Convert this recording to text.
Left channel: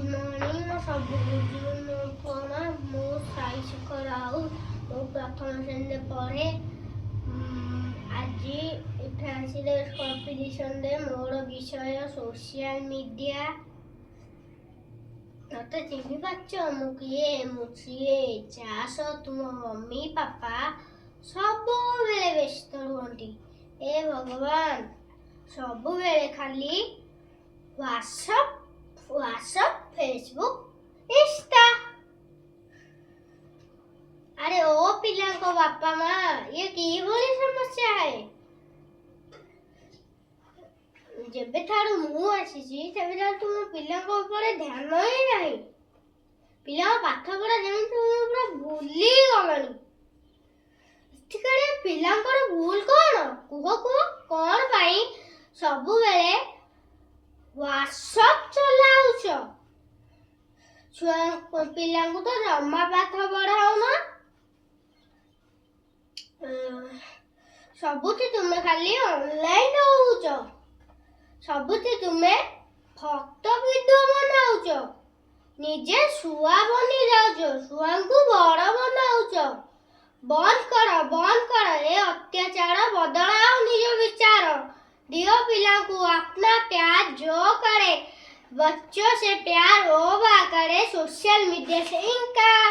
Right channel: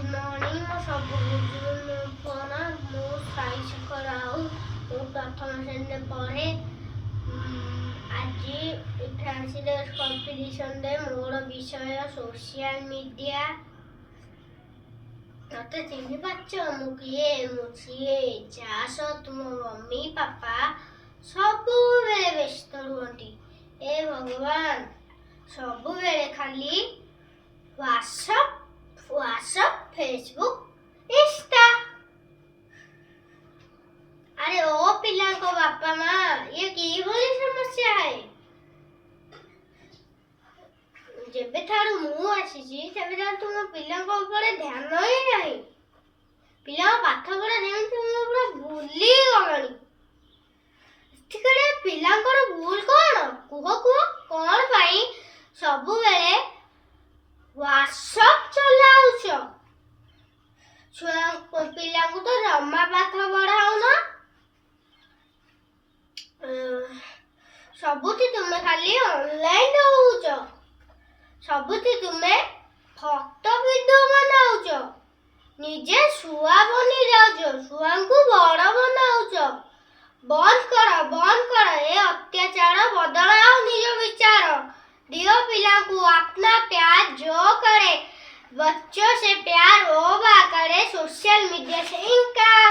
good morning मो सब बुझुन कोना मो साई शेखर राउ मो प्रथम श्रेणी पढ़े आज इथे आसिले कंपटीशन दे मोर विषय सोशल मीडिया मते चिन्हि पाच मु किए मुछिए चास तुम मम्मी पापा सब बेले व्यस्त रुहंती ए भगवान सब बेले खाली व्हाट्सएप फेसबुक इंस्टा अरे ओ पिला को बापा माँ ये की बोली समस्या है जेबे थारू मु आसीची तेबे थारू तुम पिला को ऊपर ध्यान ही नहीं पिला पाठ पढ़ा जेमि तुम पूरा भूली गलनी ठिकरे पिला भूल कौन कुह कौन पाई सबु बेले व्हाट्सएप चलाउछ छुआ पिला को तो जम्मा पाठ पढ़ाओ ना सबुति तुम खाली ऑनलाइन होउछ सबुति तुमे फोटो वीडियो बनाउछ निजे सुआ बनी जाउछ सुआ को बड़ बनाउछ बंद कर ए अत्याचार बदलाओ निज विचार दियो पिला को अपना प्यार जो करे बच्चों से प्यार वो करे सोशल मीडिया से इनकार